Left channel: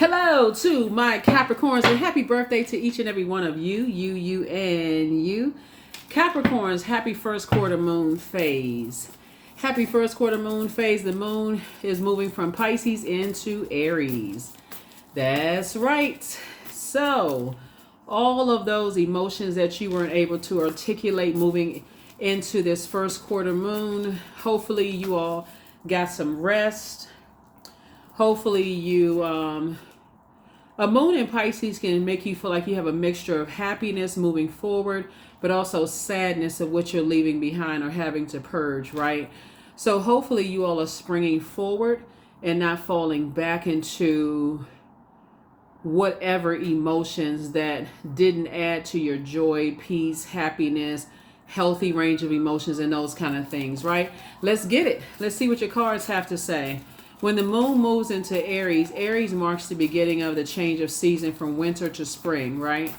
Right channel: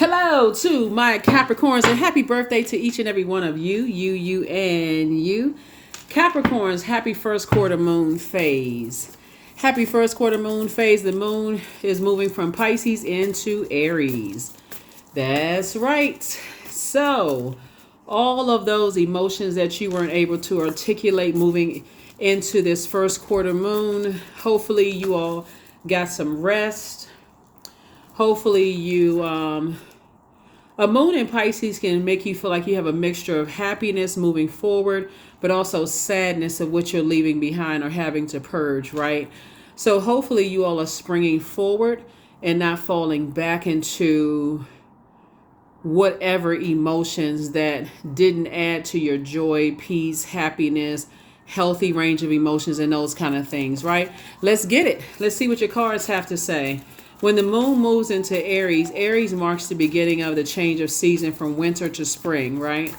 Hello to my Capricorns and happy birthday to each and every one of you, and you. Capricorns, happy first quarter moon phase. Happy first quarter moon phase. The moon is moving from Pisces into Aries. That's right. So, all of those emotions that you weren't able to articulate moving into this first quarter moon, hopefully you all got some rest. Hopefully you a moon in Pisces can make you feel like you have a mixture of happiness moving forward, but also sadness of what you're leaving behind or having to purge, right? So hopefully you all are springing forward and not falling back into whatever emotions that didn't add to your joy, peace, happiness, healthy range of emotions, and those kind of things, right? Let's get it. Let's see what your cards have to say. When the moon moves into Aries, Aries marks the beginning of the change of season from winter to spring, right?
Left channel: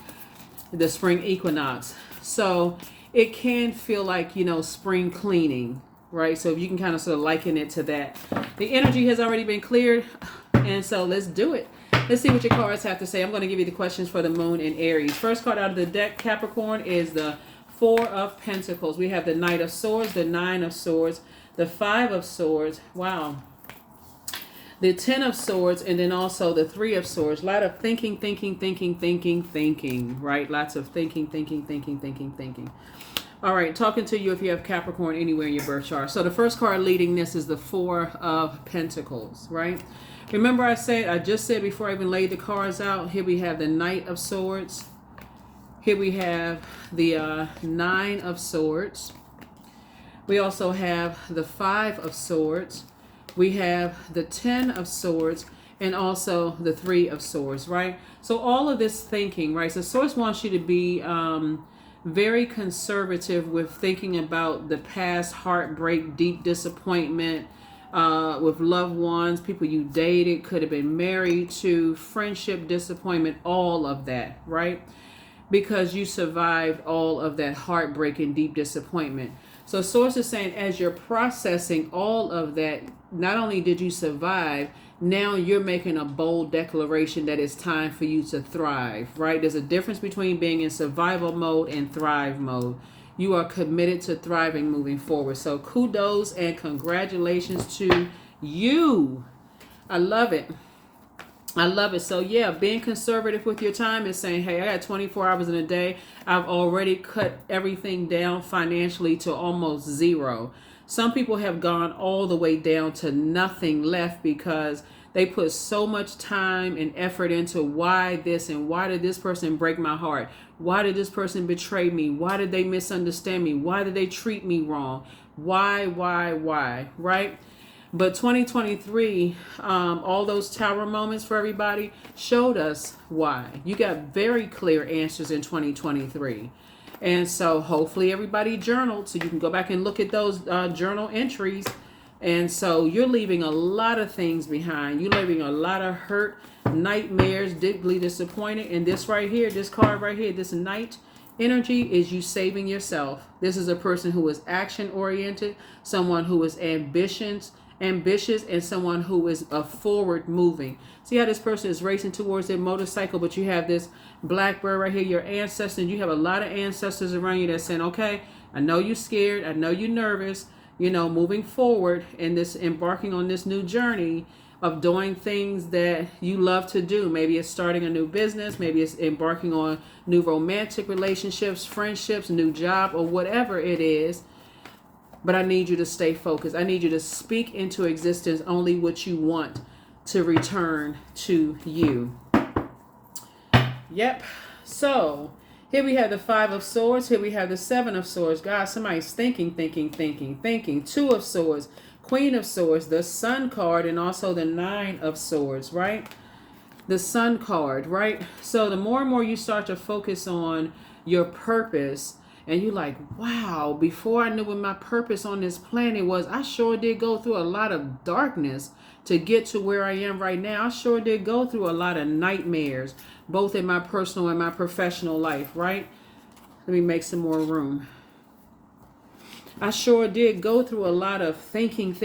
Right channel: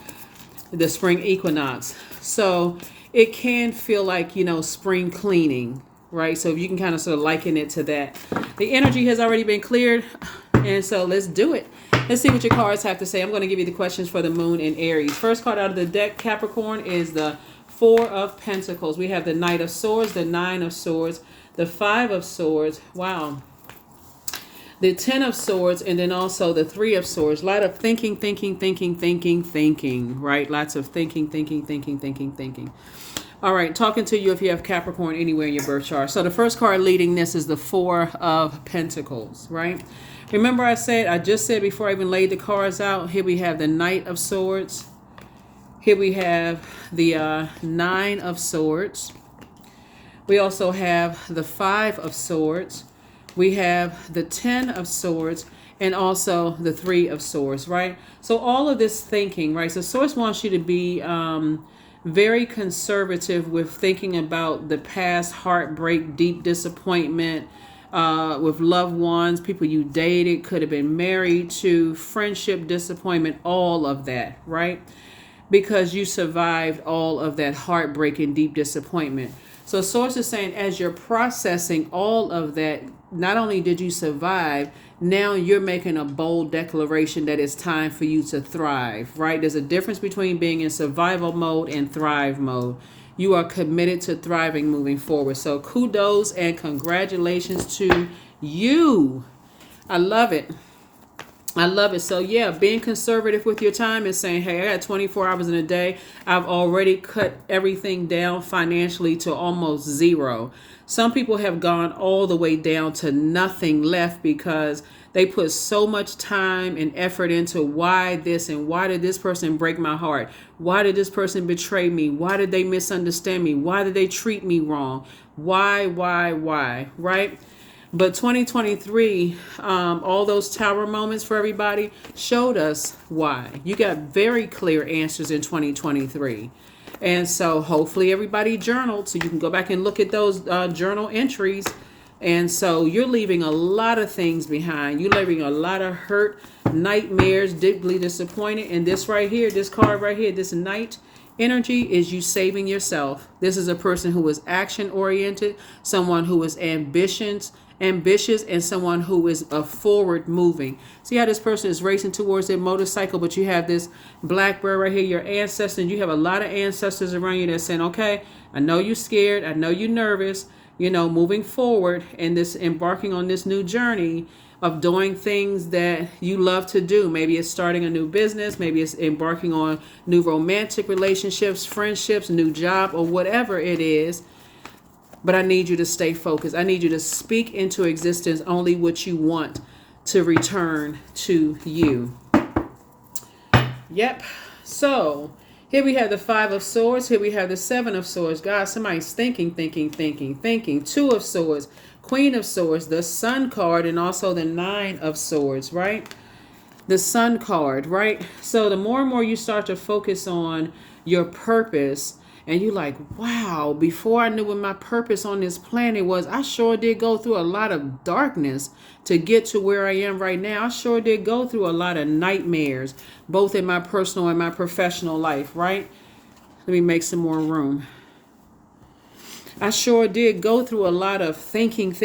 The spring equinox. So it can feel like, spring cleaning, right? So you can kind of sort of liken it to that. The energy has already been cleared, and so let's do it. Let's see what your cards have to say. I'm going to give you the questions for the moon in Aries. First card out of the deck, Capricorn, is the Four of Pentacles. We have the Knight of Swords, the Nine of Swords, the Five of Swords. Wow. The Ten of Swords, and then also the Three of Swords. A lot of thinking, right? Lots of thinking. All right, talking to you if you have Capricorn anywhere in your birth chart. So the first card leading this is the Four of Pentacles, right? Remember I just said before I even laid the cards out, here we have the Knight of Swords. Here we have the Nine of Swords. We also have the Five of Swords. We have the Ten of Swords and also the Three of Swords, right? So all of this thinking, right? So Source wants you to be very conservative with thinking about the past heartbreak, deep disappointment with loved ones, people you dated, could have been married to, friendship, disappointment, all of that, right? Because you survived all of that heartbreak and deep disappointment. So Source is saying as you're processing all of that, not only did you survive, now you're making a bold declaration that it's time for you to thrive, right? There's a difference between being in survival mode and thrive mode. You are committed to thriving moving forward. So kudos and congratulations to you. I love it. So yeah, being conservative with your time and saying, hey, I got 24 hours in a day. I've already cut everything down financially to almost zero. Some people have gone all the way down to nothing left because they put so much time and effort into why this and why did this person break my heart? Why did this person betray me? Why did they misunderstand me? Why did they treat me wrong? Why, right? But 2023, all those tower moments for everybody showed us why. You got very clear answers in 2023. And so hopefully everybody journaled so you can go back and look at those journal entries. And so you're leaving a lot of things behind. You're leaving a lot of hurt, nightmares, deeply disappointed. And this right here, this card right here, this Knight energy is you saving yourself. This is a person who is action oriented, someone who is ambitious, and someone who is a forward moving. See how this person is racing towards their motorcycle, but you have this blackbird right here, your ancestors. You have a lot of ancestors around you that's saying, okay, I know you're scared. I know you're nervous, moving forward and this embarking on this new journey of doing things that you love to do. Maybe it's starting a new business. Maybe it's embarking on new romantic relationships, friendships, new job, or whatever it is. But I need you to stay focused. I need you to speak into existence only what you want to return to you. Yep. So here we have the Five of Swords. Here we have the Seven of Swords. God, somebody's thinking. Two of Swords, Queen of Swords, the Sun card, and also the Nine of Swords, right? The Sun card, right? So the more and more you start to focus on your purpose, and you're like, wow, before I knew what my purpose on this planet was, I sure did go through a lot of darkness to get to where I am right now. I sure did go through a lot of nightmares, both in my personal and my professional life, right? Let me make some more room. I sure did go through a lot of thinking,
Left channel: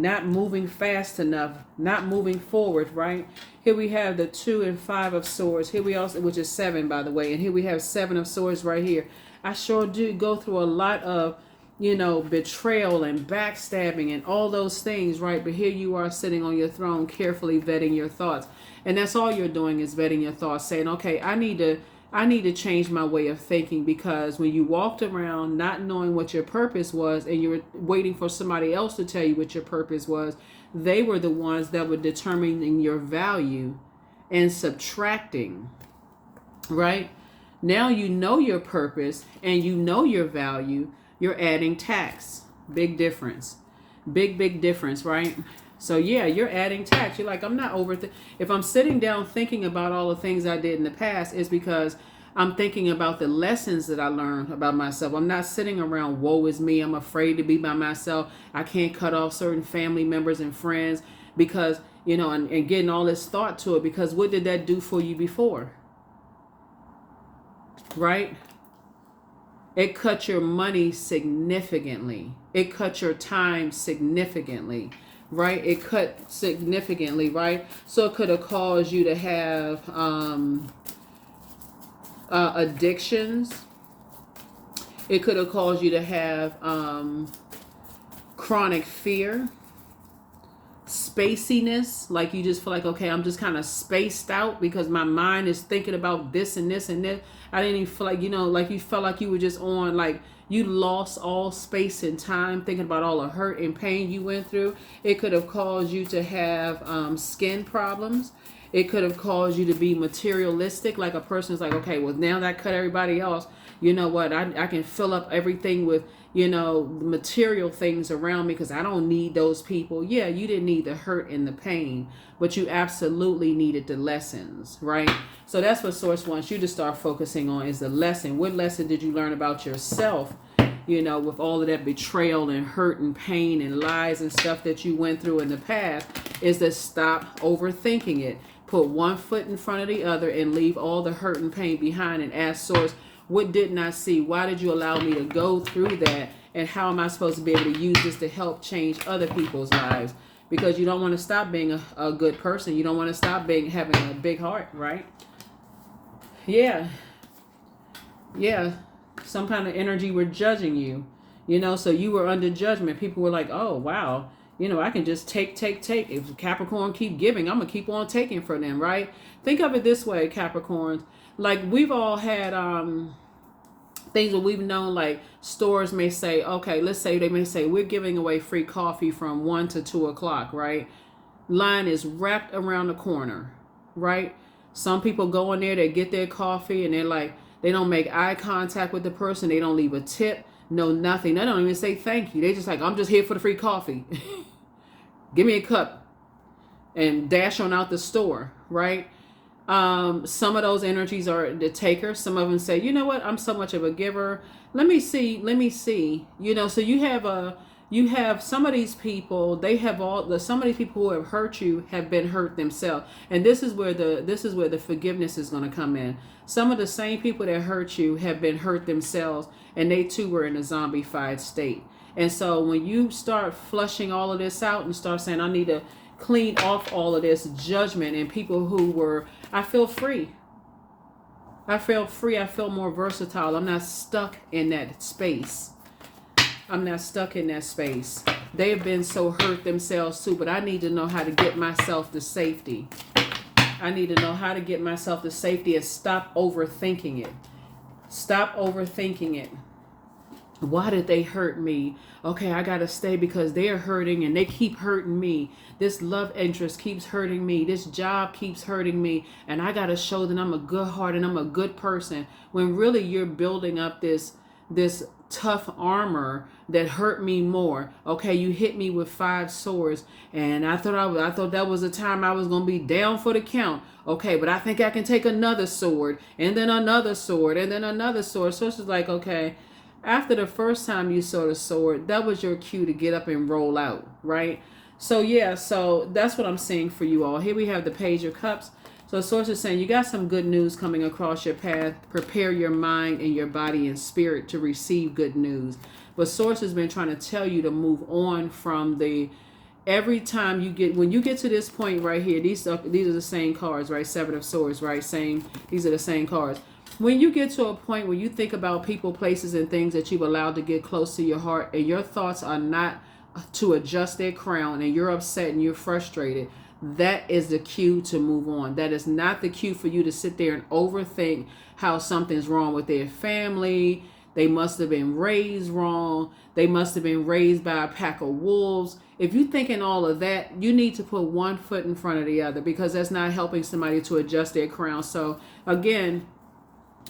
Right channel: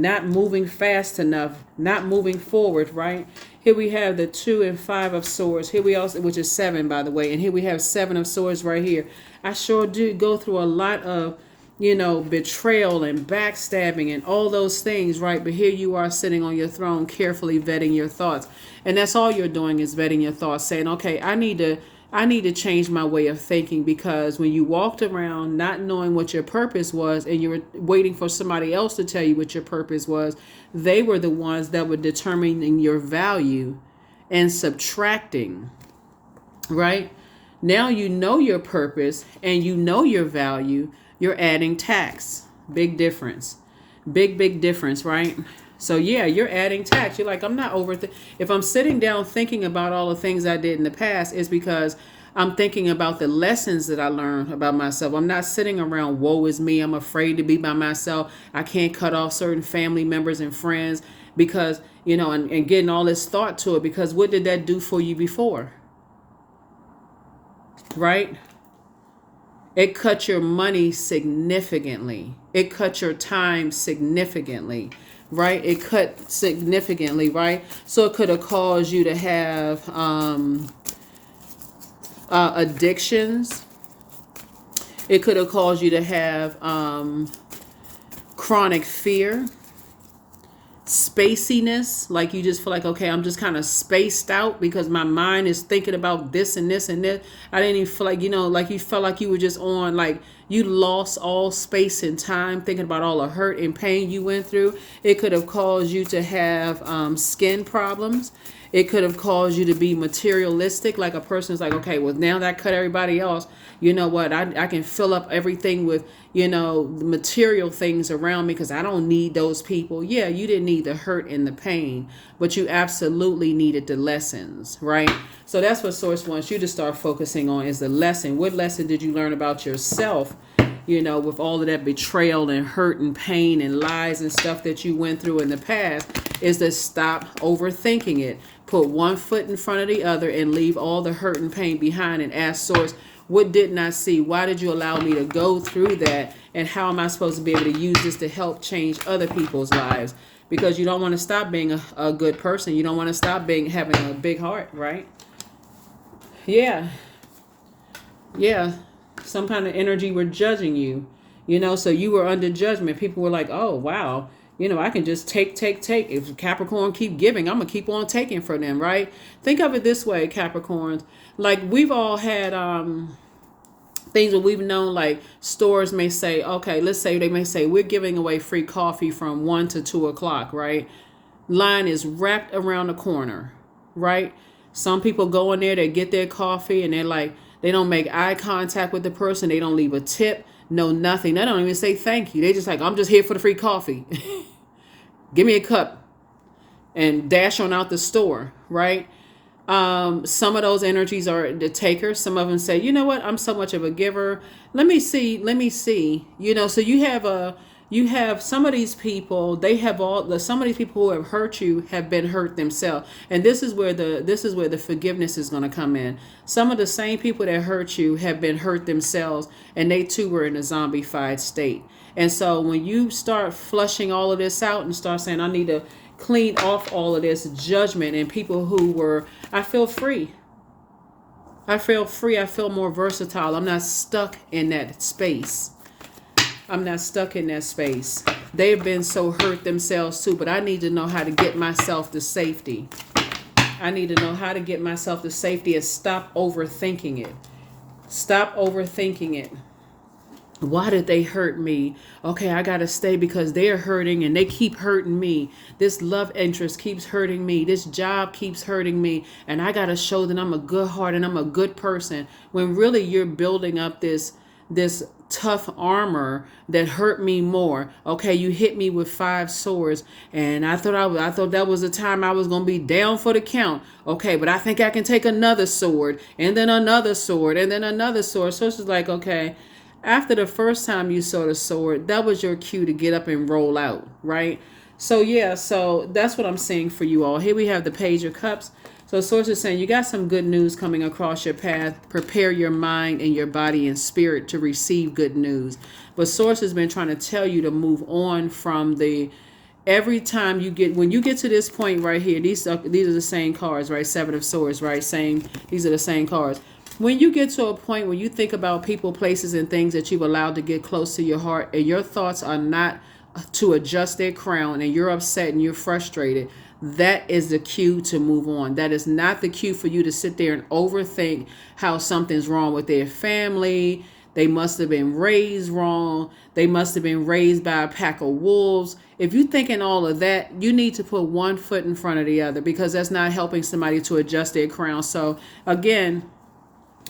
not moving fast enough, not moving forward, right? Here we have the 2 and 5 of swords. Here we also, which is 7, by the way. And here we have 7 of swords right here. I sure did go through a lot of, betrayal and backstabbing and all those things, right? But here you are sitting on your throne, carefully vetting your thoughts. And that's all you're doing is vetting your thoughts, saying, okay, I need to change my way of thinking, because when you walked around not knowing what your purpose was and you were waiting for somebody else to tell you what your purpose was, they were the ones that were determining your value and subtracting, right? Now you know your purpose and you know your value, you're adding tax. Big difference. Big difference, right? So yeah, you're adding tax. You're like, I'm not if I'm sitting down thinking about all the things I did in the past, it's because I'm thinking about the lessons that I learned about myself. I'm not sitting around, woe is me, I'm afraid to be by myself. I can't cut off certain family members and friends because, and getting all this thought to it, because what did that do for you before? Right? It cut your money significantly. It cut your time significantly. Right? It cut significantly, right? So it could have caused you to have addictions. It could have caused you to have chronic fear, spaciness, like you just feel like, okay, I'm just kind of spaced out because my mind is thinking about this and this and this. I didn't even feel like, like you felt like you were just on, like you lost all space and time thinking about all the hurt and pain you went through. It could have caused you to have skin problems. It could have caused you to be materialistic, like a person's like, okay, well, now that I cut everybody else, you know what, I can fill up everything with, the material things around me because I don't need those people. Yeah, you didn't need the hurt and the pain, but you absolutely needed the lessons, right? So that's what Source wants you to start focusing on, is the lesson. What lesson did you learn about yourself, with all of that betrayal and hurt and pain and lies and stuff that you went through in the past, is to stop overthinking it. Put one foot in front of the other and leave all the hurt and pain behind and ask Source, what didn't I see? Why did you allow me to go through that? And how am I supposed to be able to use this to help change other people's lives? Because you don't want to stop being a good person. You don't want to stop having a big heart, right? Yeah. Some kind of energy were judging you, so you were under judgment. People were like, oh, wow. I can just take. If Capricorn keep giving, I'm going to keep on taking from them, right? Think of it this way, Capricorns. Like, we've all had things that we've known, like stores may say, okay, let's say they may say, we're giving away free coffee from 1 to 2 o'clock, right? Line is wrapped around the corner, right? Some people go in there, they get their coffee, and they're like, they don't make eye contact with the person. They don't leave a tip, no nothing. They don't even say thank you. They just like, I'm just here for the free coffee. Give me a cup and dash on out the store, right? Some of those energies are the takers. Some of them say, you know what, I'm so much of a giver. Let me see. So you have some of these people, some of these people who have hurt you have been hurt themselves. And this is where the forgiveness is going to come in. Some of the same people that hurt you have been hurt themselves, and they too were in a zombified state. And so when you start flushing all of this out and start saying, I need to clean off all of this judgment and people who were, I feel free. I feel more versatile. I'm not stuck in that space. They've been so hurt themselves too, but I need to know how to get myself to safety. and stop overthinking it. Why did they hurt me? Okay, I gotta stay because they're hurting and they keep hurting me. This love interest keeps hurting me. This job keeps hurting me. And I gotta show that I'm a good heart and I'm a good person. When really you're building up this tough armor that hurt me more. Okay, you hit me with 5 swords and I thought that was the time I was gonna be down for the count. Okay, but I think I can take another sword and then another sword and then another sword. So it's just like, okay, after the first time you saw the sword, that was your cue to get up and roll out, right? So yeah, so that's what I'm saying for you all. Here we have the Page of Cups. So source is saying you got some good news coming across your path. Prepare your mind and your body and spirit to receive good news. But source has been trying to tell you to move on from the every time you get, when you get to this point right here, these are the same cards, right? Seven of Swords, right? Same, these are the same cards. When you get to a point where you think about people, places, and things that you've allowed to get close to your heart, and your thoughts are not to adjust their crown, and you're upset and you're frustrated, that is the cue to move on. That is not the cue for you to sit there and overthink how something's wrong with their family. They must have been raised wrong. They must have been raised by a pack of wolves. If you're thinking all of that, you need to put one foot in front of the other, because that's not helping somebody to adjust their crown. So again,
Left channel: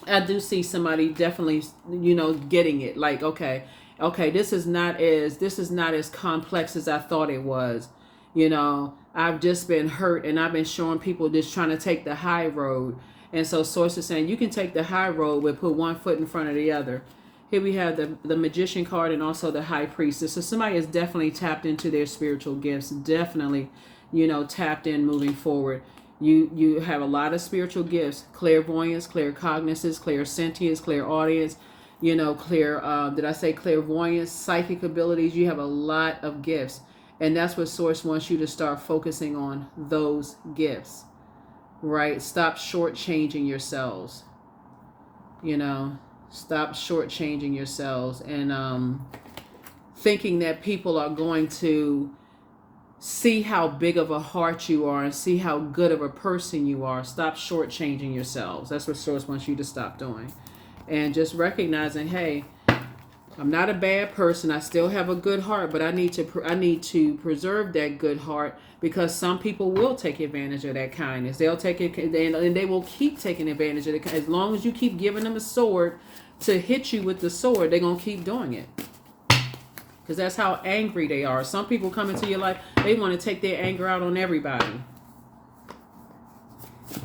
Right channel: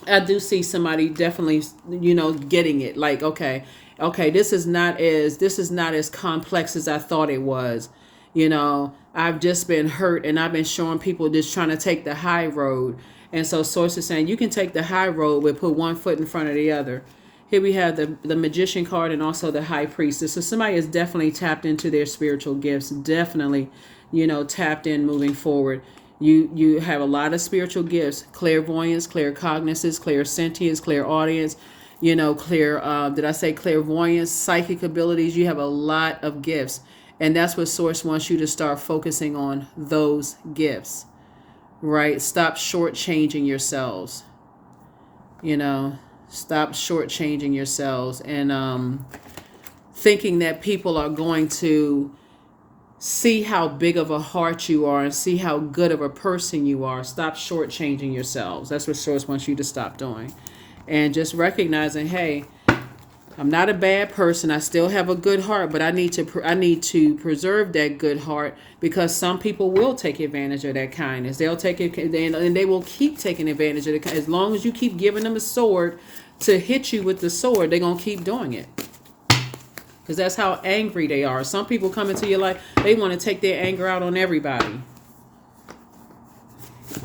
I do see somebody definitely, getting it. Like, okay, this is not as complex as I thought it was. I've just been hurt, and I've been showing people just trying to take the high road. And so source is saying you can take the high road, but put one foot in front of the other. Here we have the Magician card and also the High Priestess. So somebody is definitely tapped into their spiritual gifts. Definitely, tapped in moving forward. You have a lot of spiritual gifts: clairvoyance, claircognizance, clairsentience, clairaudience, did I say clairvoyance, psychic abilities? You have a lot of gifts. And that's what Source wants you to start focusing on, those gifts, right? Stop shortchanging yourselves, stop shortchanging yourselves and thinking that people are going to see how big of a heart you are and see how good of a person you are. Stop shortchanging yourselves. That's what Source wants you to stop doing. And just recognizing, hey, I'm not a bad person. I still have a good heart, but I need to preserve that good heart, because some people will take advantage of that kindness. They'll take it, and they will keep taking advantage of it. As long as you keep giving them a sword to hit you with the sword, they're going to keep doing it. Because that's how angry they are. Some people come into your life, they want to take their anger out on everybody.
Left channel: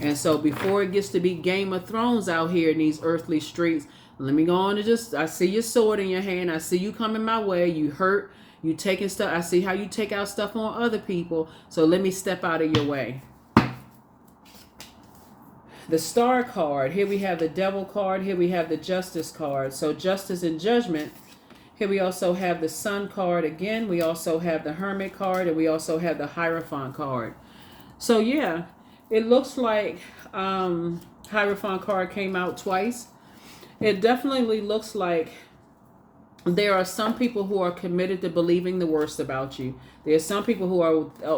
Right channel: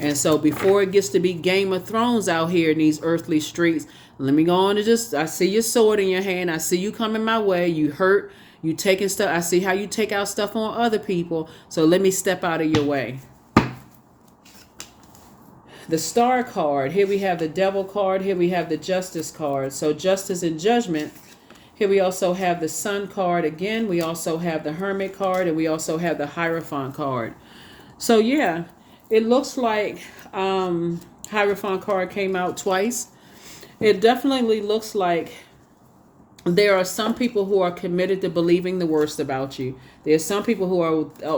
And so before it gets to be Game of Thrones out here in these earthly streets, let me go on and I see your sword in your hand. I see you coming my way. You hurt. You taking stuff. I see how you take out stuff on other people. So let me step out of your way. The Star card. Here we have the Devil card. Here we have the Justice card. So justice and judgment. Here we also have the Sun card again. We also have the Hermit card. And we also have the Hierophant card. So yeah, it looks like Hierophant card came out twice. It definitely looks like there are some people who are committed to believing the worst about you. There's some people who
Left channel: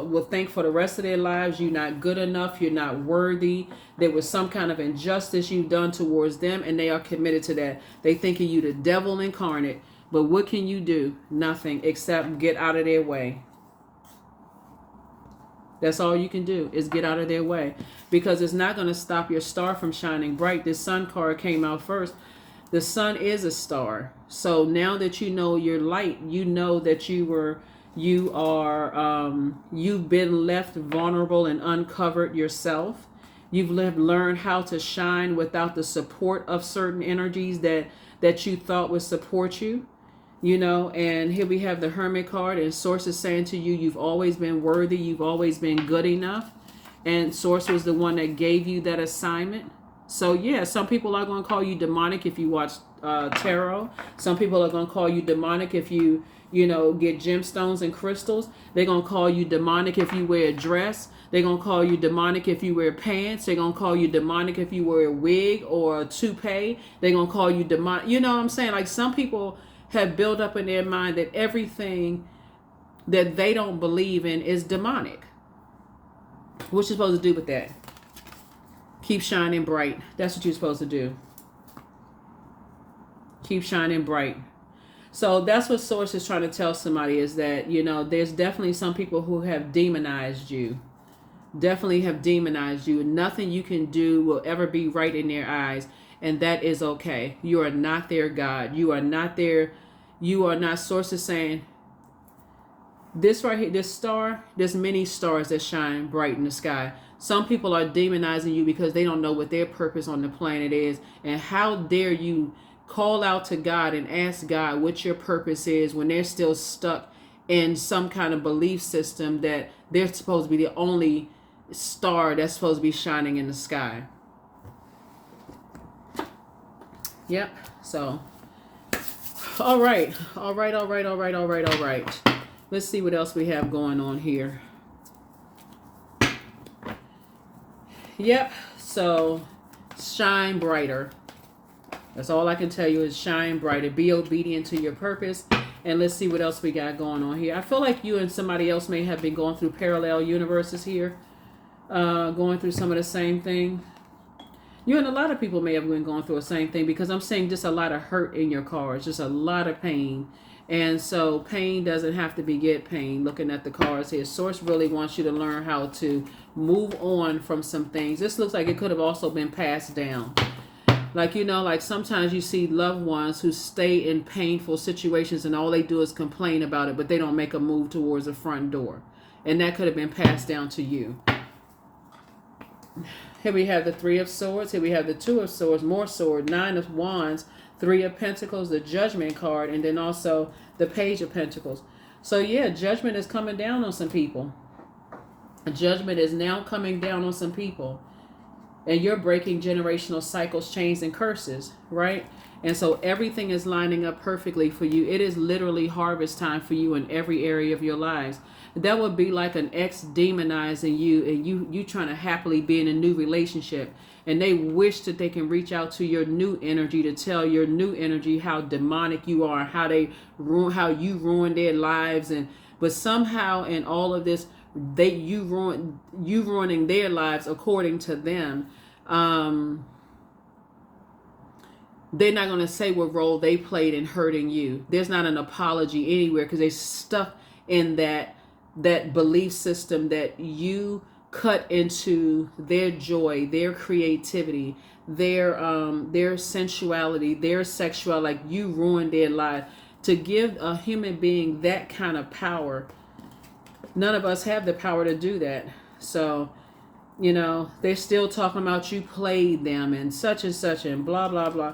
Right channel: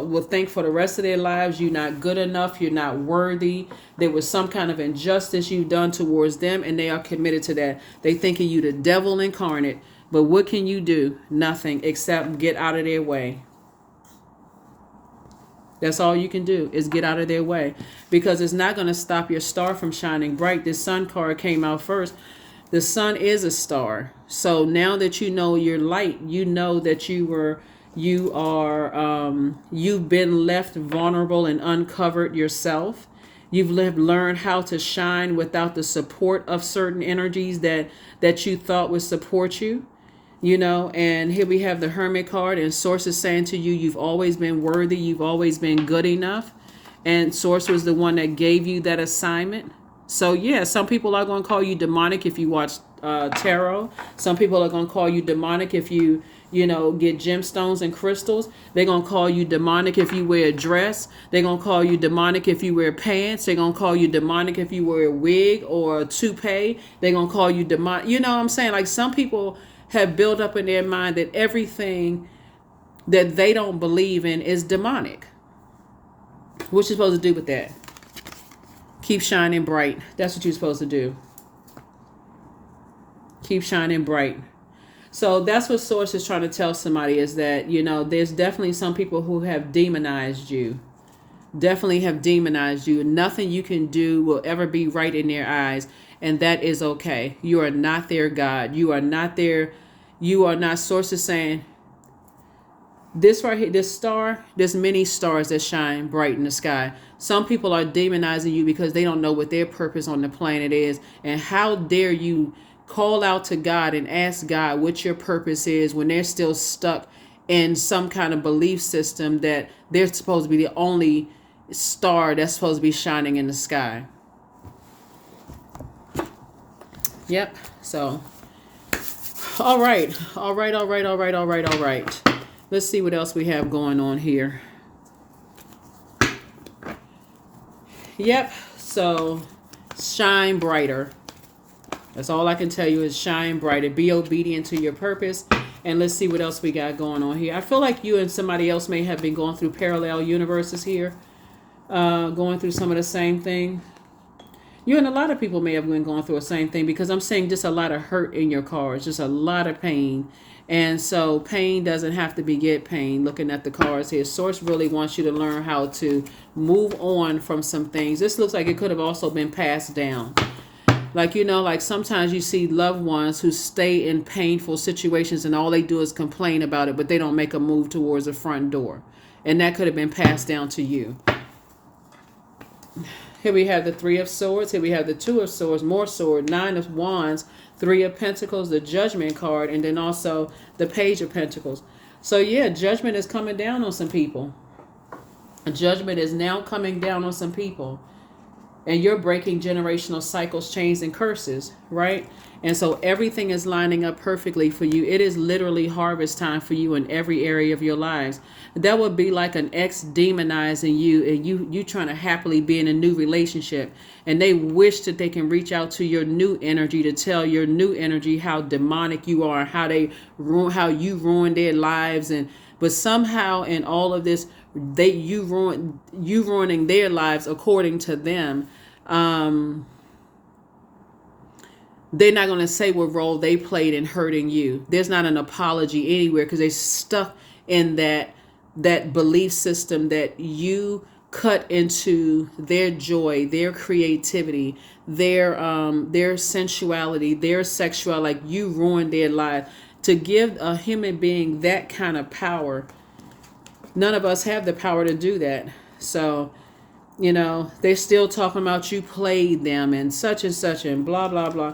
will think for the rest of their lives you're not good enough, you're not worthy. There was some kind of injustice you've done towards them, and they are committed to that. They think of you the devil incarnate. But what can you do? Nothing, except get out of their way. That's all you can do, is get out of their way, because it's not going to stop your star from shining bright. This Sun card came out first. The sun is a star. So now that you know your light, you know that you've been left vulnerable and uncovered yourself. You've learned how to shine without the support of certain energies that you thought would support you. And here we have the Hermit card, and Source is saying to you, you've always been worthy. You've always been good enough. And Source was the one that gave you that assignment. So yeah, some people are going to call you demonic if you watch tarot. Some people are going to call you demonic if you get gemstones and crystals. They're going to call you demonic if you wear a dress. They're going to call you demonic if you wear pants. They're going to call you demonic if you wear a wig or a toupee. They're going to call you demonic. You know what I'm saying? Like, some people have built up in their mind that everything that they don't believe in is demonic. What you supposed to do with that? Keep shining bright. That's what you're supposed to do. Keep shining bright. So that's what Source is trying to tell somebody, is that, there's definitely some people who have demonized you. Definitely have demonized you. Nothing you can do will ever be right in their eyes. And that is okay. You are not their God. You are not their, you are not. Source is saying, this right here, this star, there's many stars that shine bright in the sky. Some people are demonizing you because they don't know what their purpose on the planet is. And how dare you call out to God and ask God what your purpose is when they're still stuck in some kind of belief system that they're supposed to be the only star that's supposed to be shining in the sky. Yep. So, all right. Let's see what else we have going on here. Yep. So, shine brighter. That's all I can tell you is shine brighter. Be obedient to your purpose. And let's see what else we got going on here. I feel like you and somebody else may have been going through parallel universes here. Going through some of the same thing. You and a lot of people may have been going through the same thing, because I'm seeing just a lot of hurt in your cards. Just a lot of pain. And so pain doesn't have to beget pain. Looking at the cards here, Source really wants you to learn how to move on from some things. This looks like it could have also been passed down. Like, you know, like sometimes you see loved ones who stay in painful situations and all they do is complain about it, but they don't make a move towards the front door. And that could have been passed down to you. Here we have the Three of Swords. Here we have the Two of Swords, more sword, Nine of Wands, Three of Pentacles, the Judgment card, and then also the Page of Pentacles. So yeah, judgment is coming down on some people. Judgment is now coming down on some people. And you're breaking generational cycles, chains, and curses, right? And so everything is lining up perfectly for you. It is literally harvest time for you in every area of your lives. That would be like an ex demonizing you, and you trying to happily be in a new relationship. And they wish that they can reach out to your new energy to tell your new energy how demonic you are, how you ruined their lives. But somehow in all of this, you ruining their lives according to them. They're not going to say what role they played in hurting you. There's not an apology anywhere, because they stuck in that belief system that you cut into their joy, their creativity, their sensuality, their sexuality. Like, you ruined their life. To give a human being that kind of power, none of us have the power to do that. So, you know, they're still talking about you played them and such and blah, blah, blah.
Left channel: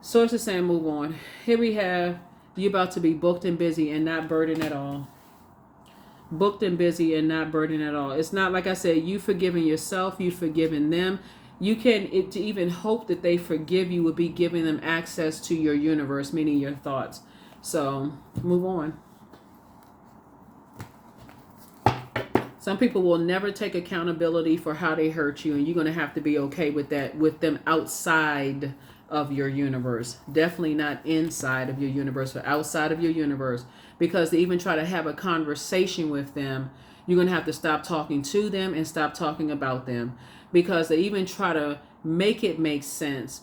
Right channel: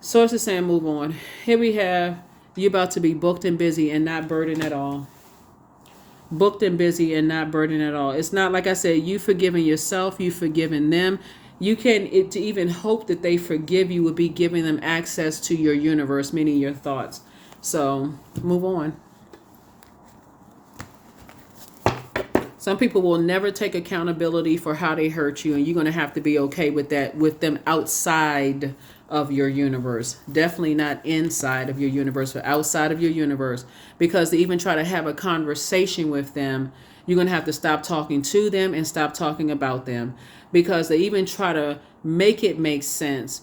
Source is saying move on. Here we have you about to be booked and busy and not burdened at all. Booked and busy and not burdened at all. It's not, like I said, you forgiving yourself, you forgiving them. You can, to even hope that they forgive you would be giving them access to your universe, meaning your thoughts. So move on. Some people will never take accountability for how they hurt you, and you're going to have to be okay with that, with them outside of your universe. Definitely not inside of your universe, but outside of your universe. Because to even try to have a conversation with them, you're going to have to stop talking to them and stop talking about them. Because they even try to make it make sense,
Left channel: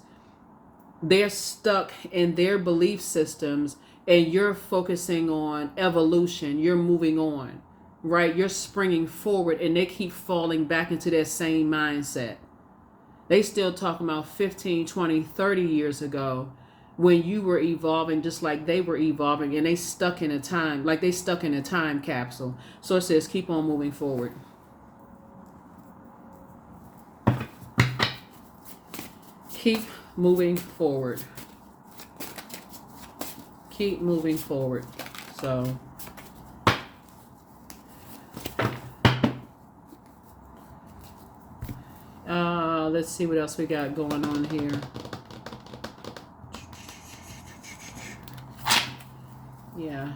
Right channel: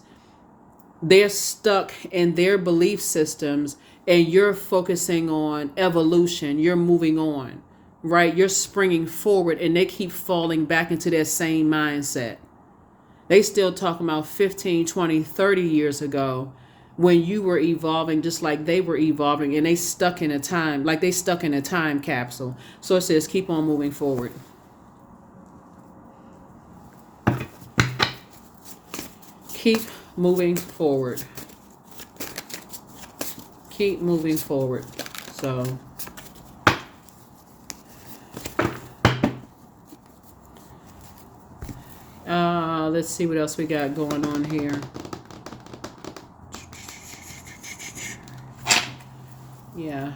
they're stuck in their belief systems, and you're focusing on evolution. You're moving on. Right? You're springing forward, and they keep falling back into their same mindset. They still talking about 15, 20, 30 years ago when you were evolving just like they were evolving, and they stuck in a time, like they stuck in a time capsule. So it says keep on moving forward. Keep moving forward. Keep moving forward. So let's see what else we got going on here. Yeah.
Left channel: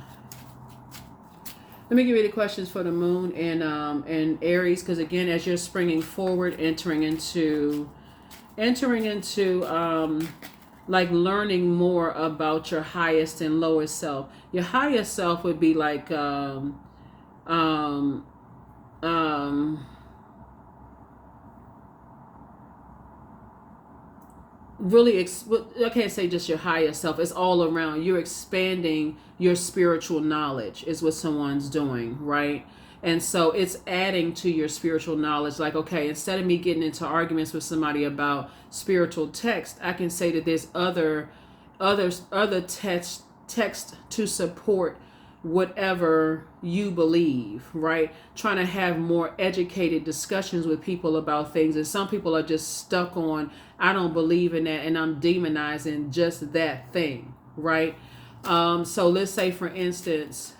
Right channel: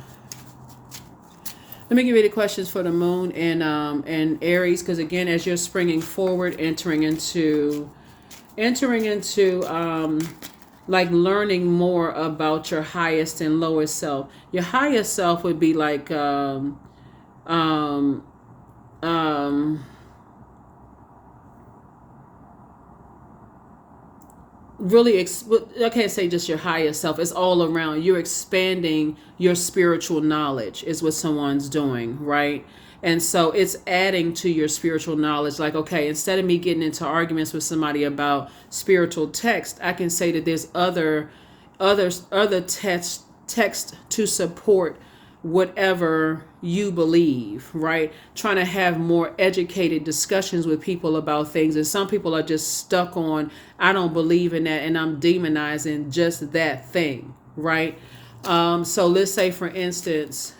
Let me give you the questions for the moon and Aries, because again, as you're springing forward, entering into like learning more about your highest and lowest self. Your highest self would be like really, I can't say just your higher self. It's all around. You're expanding your spiritual knowledge is what someone's doing, right? And so it's adding to your spiritual knowledge. Like, okay, instead of me getting into arguments with somebody about spiritual text, I can say that there's other text to support whatever you believe, right? Trying to have more educated discussions with people about things. And some people are just stuck on, I don't believe in that, and I'm demonizing just that thing, right? So let's say, for instance,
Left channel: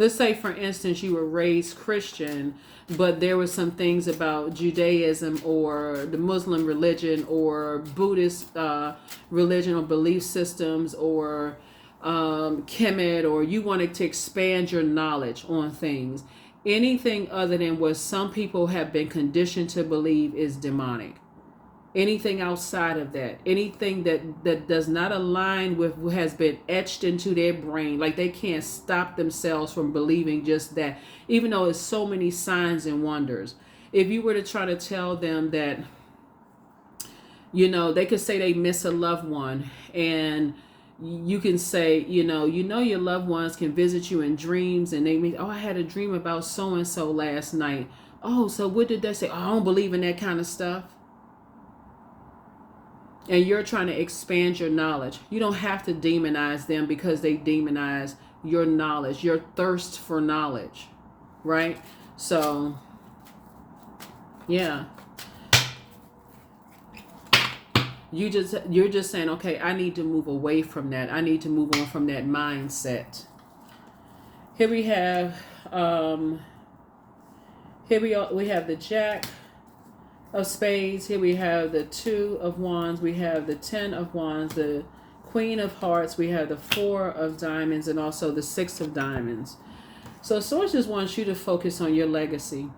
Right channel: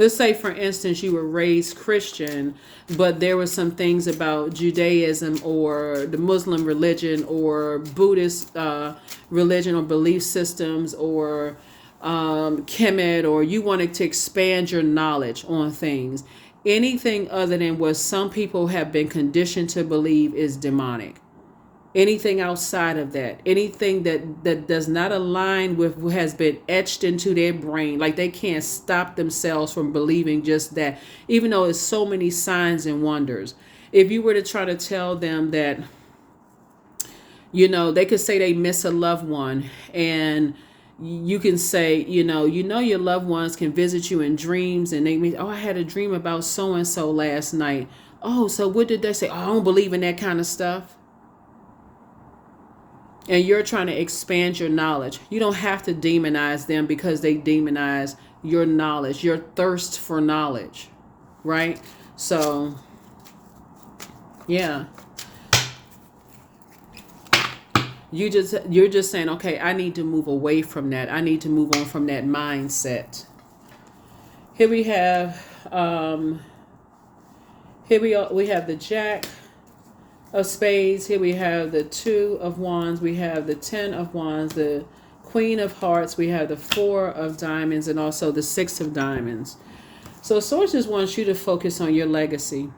let's say for instance you were raised Christian, but there were some things about Judaism or the Muslim religion or Buddhist religion or belief systems or Kemet, or you wanted to expand your knowledge on things. Anything other than what some people have been conditioned to believe is demonic. Anything outside of that, anything that does not align with what has been etched into their brain, like they can't stop themselves from believing just that, even though it's so many signs and wonders. If you were to try to tell them that, they could say they miss a loved one, and you can say, your loved ones can visit you in dreams, and they mean, oh, I had a dream about so and so last night. Oh, so what did they say? Oh, I don't believe in that kind of stuff. And you're trying to expand your knowledge. You don't have to demonize them because they demonize your knowledge, your thirst for knowledge, right? So, yeah. You're just saying, okay, I need to move away from that. I need to move on from that mindset. Here we have we have the Jack of Spades. Here we have the Two of Wands. We have the Ten of Wands, the Queen of Hearts. We have the Four of Diamonds, and also the Six of Diamonds. So sources wants you to focus on your legacy.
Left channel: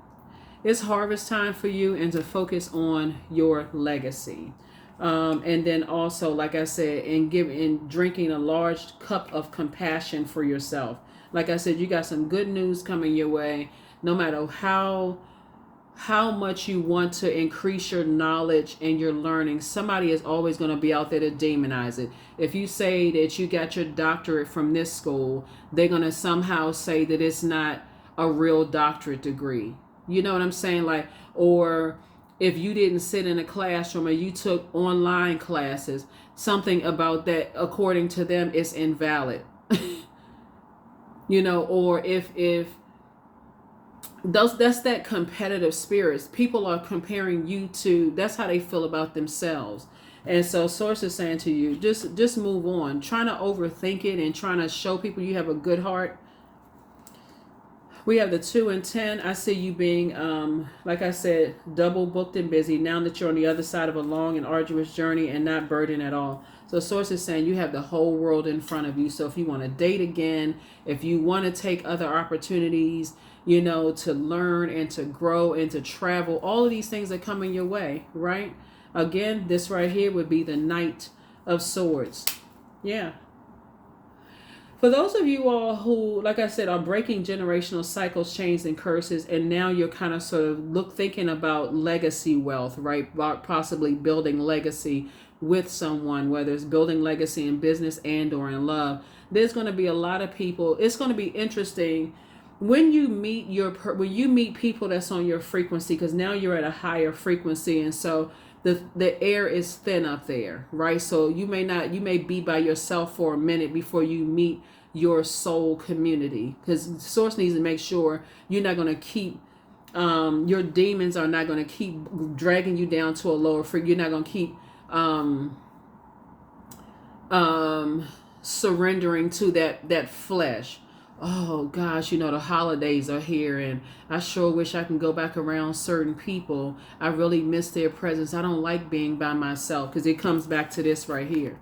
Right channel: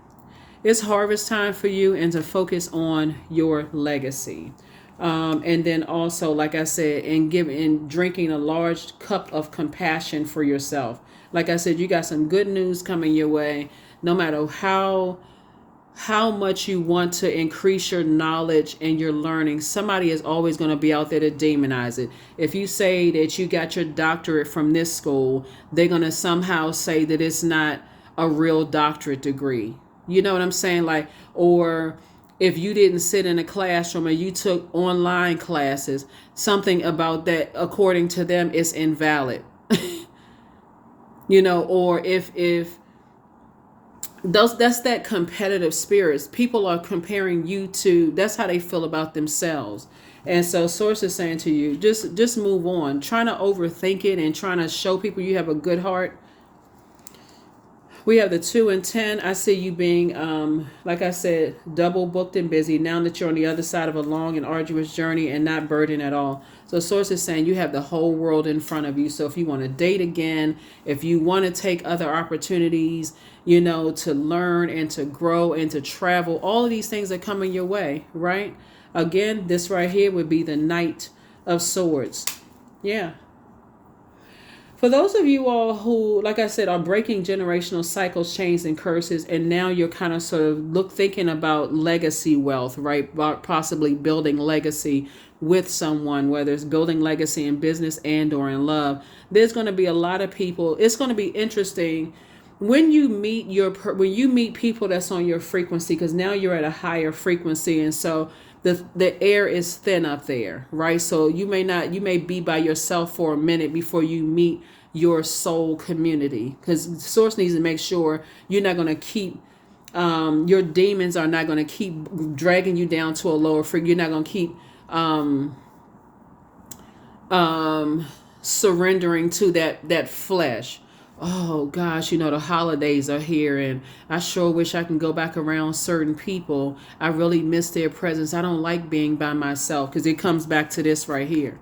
It's harvest time for you, and to focus on your legacy. And then also, like I said, in drinking a large cup of compassion for yourself. Like I said, you got some good news coming your way. No matter how much you want to increase your knowledge and your learning, somebody is always going to be out there to demonize it. If you say that you got your doctorate from this school, they're going to somehow say that it's not a real doctorate degree. You know what I'm saying? Like, or if you didn't sit in a classroom and you took online classes, something about that, according to them, is invalid. Or if that's that competitive spirits. People are comparing you to, that's how they feel about themselves. And so source is saying to you, just move on. Trying to overthink it and trying to show people you have a good heart. We have the 2 and 10. I see you being, like I said, double booked and busy now that you're on the other side of a long and arduous journey and not burdened at all. So source is saying you have the whole world in front of you. So if you want to date again, if you want to take other opportunities, to learn and to grow and to travel, all of these things are coming your way, right? Again, this right here would be the Knight of Swords. Yeah. For those of you all who, like I said, are breaking generational cycles, chains, and curses, and now you're kind of sort of thinking about legacy wealth, right? Possibly building legacy with someone, whether it's building legacy in business and or in love. There's going to be a lot of people. It's going to be interesting when you meet people that's on your frequency, because now you're at a higher frequency, and so the air is thin up there, right? So you may be by yourself for a minute before you meet your soul community, because source needs to make sure you're not going to keep your demons are not going to keep dragging you down to a lower frequency. You're not going to keep surrendering to that flesh. Oh gosh, the holidays are here, and I sure wish I can go back around certain people. I really miss their presence. I don't like being by myself, because it comes back to this right here.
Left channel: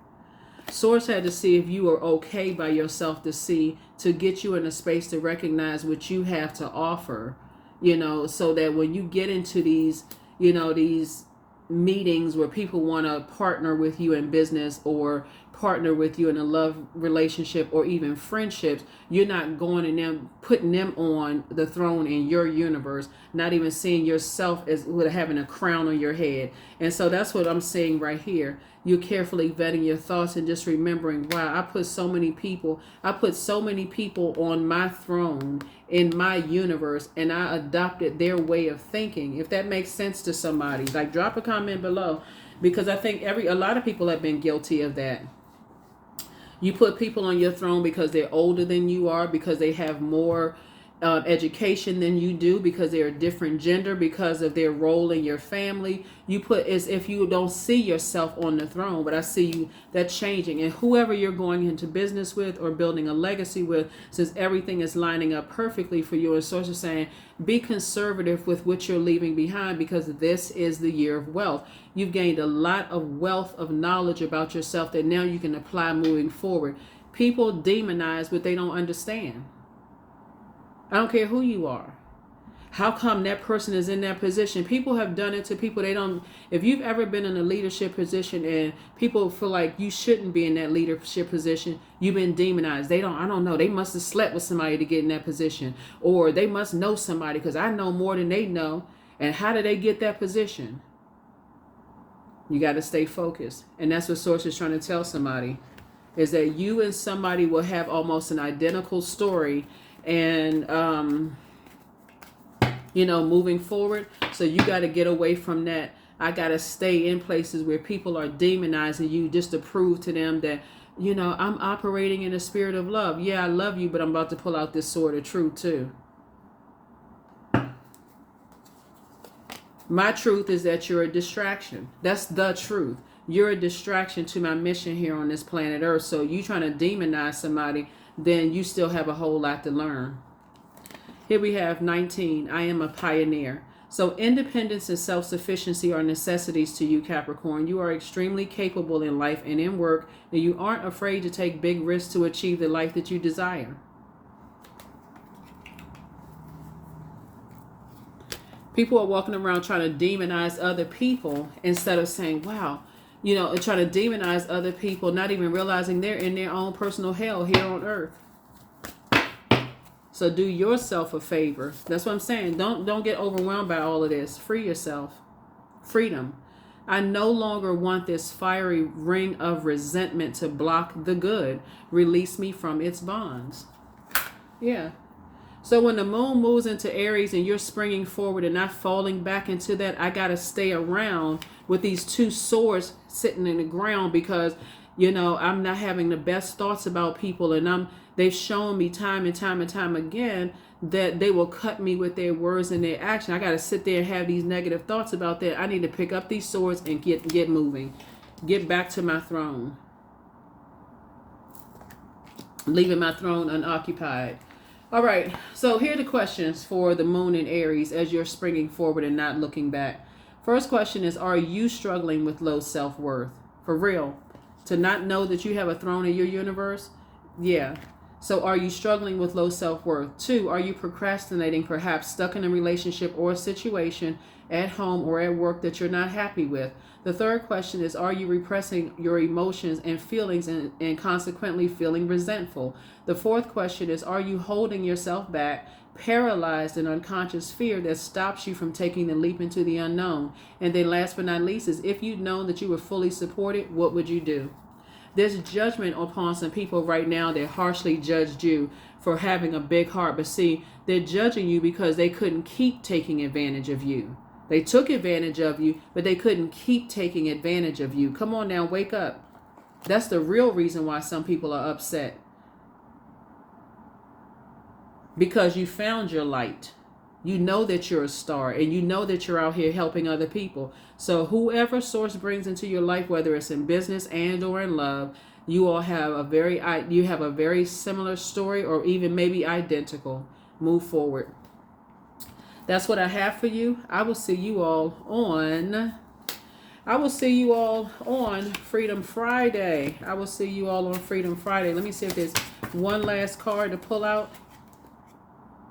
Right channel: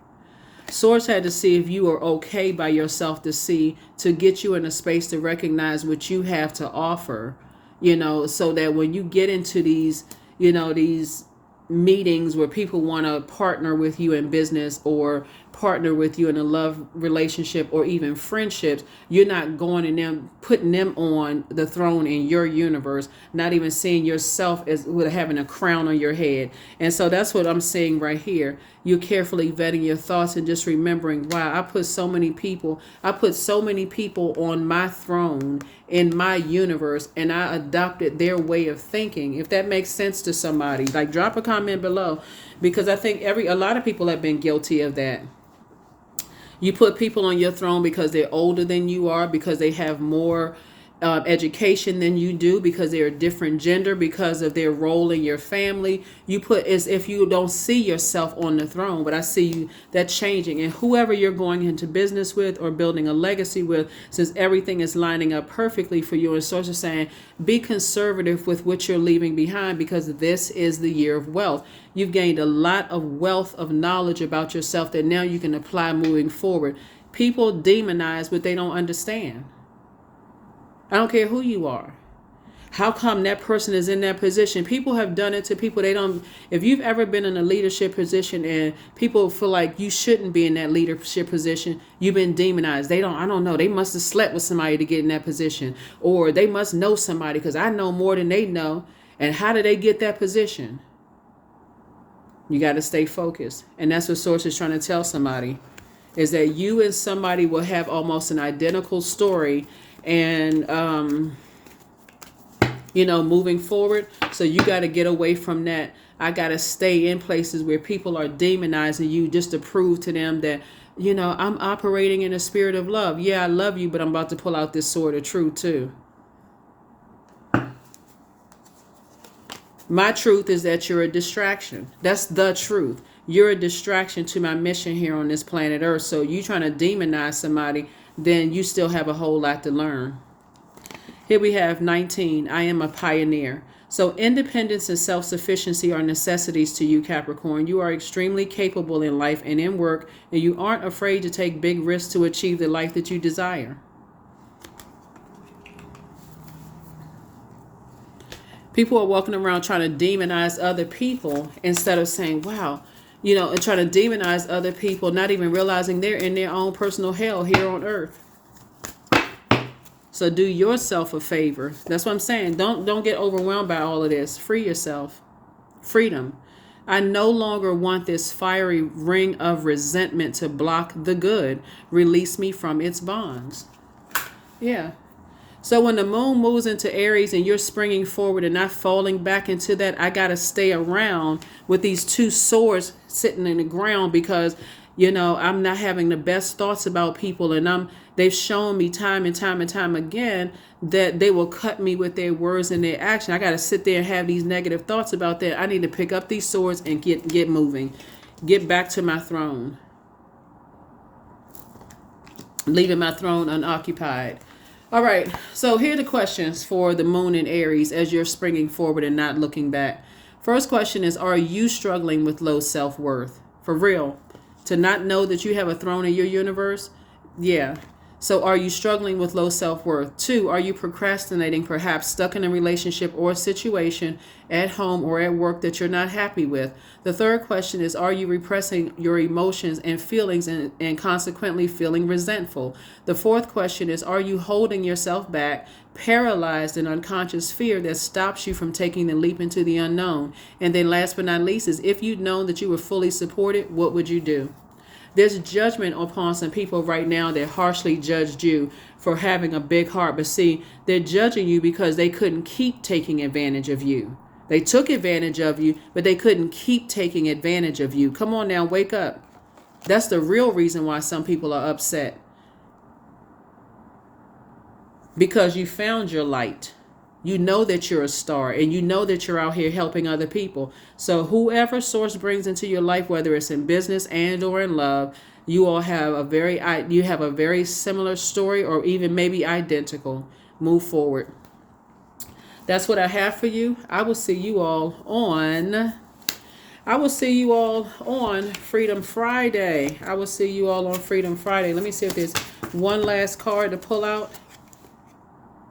Source had to see if you are okay by yourself, to get you in a space to recognize what you have to offer, so that when you get into these meetings where people want to partner with you in business or partner with you in a love relationship or even friendships, you're not going and them putting them on the throne in your universe, not even seeing yourself as with having a crown on your head. And so that's what I'm saying right here. You're carefully vetting your thoughts and just remembering, wow, I put so many people on my throne in my universe, and I adopted their way of thinking. If that makes sense to somebody, like, drop a comment below, because I think a lot of people have been guilty of that. You put people on your throne because they're older than you are, because they have more education than you do because they're a different gender, because of their role in your family. You put as if you don't see yourself on the throne, but I see you that changing. And whoever you're going into business with or building a legacy with, since everything is lining up perfectly for you, and source is saying, be conservative with what you're leaving behind, because this is the year of wealth. You've gained a lot of wealth of knowledge about yourself that now you can apply moving forward. People demonize what they don't understand. I don't care who you are. How come that person is in that position? People have done it to people. They don't. If you've ever been in a leadership position and people feel like you shouldn't be in that leadership position, you've been demonized. They don't. I don't know. They must have slept with somebody to get in that position, or they must know somebody because I know more than they know. And how did they get that position? You got to stay focused, and that's what Source is trying to tell somebody, is that you and somebody will have almost an identical story, and moving forward. So you got to get away from that. I got to stay in places where people are demonizing you just to prove to them that, I'm operating in a spirit of love. Yeah, I love you, but I'm about to pull out this sword of truth too. My truth is that you're a distraction. That's the truth. You're a distraction to my mission here on this planet Earth. So you trying to demonize somebody, then you still have a whole lot to learn. Here we have 19. I am a pioneer. So independence and self-sufficiency are necessities to you, Capricorn. You are extremely capable in life and in work, and you aren't afraid to take big risks to achieve the life that you desire. People are walking around trying to demonize other people instead of saying, wow, and trying to demonize other people, not even realizing they're in their own personal hell here on earth. So do yourself a favor. That's what I'm saying. Don't get overwhelmed by all of this. Free yourself. Freedom. I no longer want this fiery ring of resentment to block the good. Release me from its bonds. Yeah. So when the moon moves into Aries and you're springing forward and not falling back into that, I got to stay around with these two swords sitting in the ground because, I'm not having the best thoughts about people, and they've shown me time and time and time again that they will cut me with their words and their action. I got to sit there and have these negative thoughts about that. I need to pick up these swords and get moving, get back to my throne, leaving my throne unoccupied. All right, so here are the questions for the moon in Aries as you're springing forward and not looking back. First question is, are you struggling with low self-worth? For real? To not know that you have a throne in your universe? Yeah. So are you struggling with low self-worth? 2, are you procrastinating, perhaps stuck in a relationship or a situation at home or at work that you're not happy with? The third question is, are you repressing your emotions and feelings and consequently feeling resentful? The fourth question is, are you holding yourself back, paralyzed in unconscious fear that stops you from taking the leap into the unknown? And then last but not least is, if you'd known that you were fully supported, what would you do? There's judgment upon some people right now that harshly judged you for having a big heart. But see, they're judging you because they couldn't keep taking advantage of you. They took advantage of you, but they couldn't keep taking advantage of you. Come on now, wake up. That's the real reason why some people are upset. Because you found your light. You know that you're a star, and you know that you're out here helping other people. So whoever source brings into your life, whether it's in business and or in love, you all have a very similar story, or even maybe identical. Move forward. That's what I have for you. I will see you all on Freedom Friday. Let me see if there's one last card to pull out.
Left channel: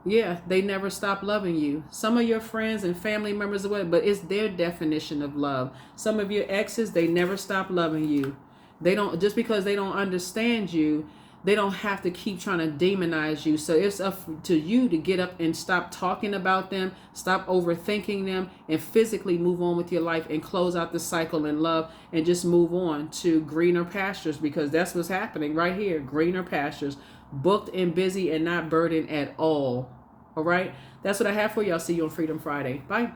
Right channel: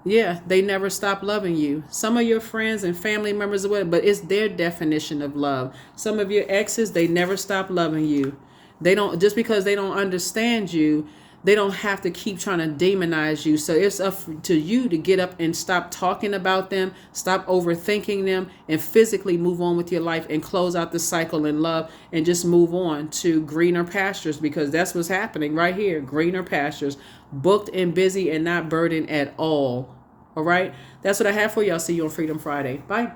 Yeah, they never stop loving you. Some of your friends and family members, but it's their definition of love. Some of your exes, they never stop loving you. They don't, just because they don't understand you, they don't have to keep trying to demonize you. So it's up to you to get up and stop talking about them, stop overthinking them, and physically move on with your life and close out the cycle in love and just move on to greener pastures, because that's what's happening right here. Greener pastures, booked and busy and not burdened at all. All right. That's what I have for you. I'll see you on Freedom Friday. Bye.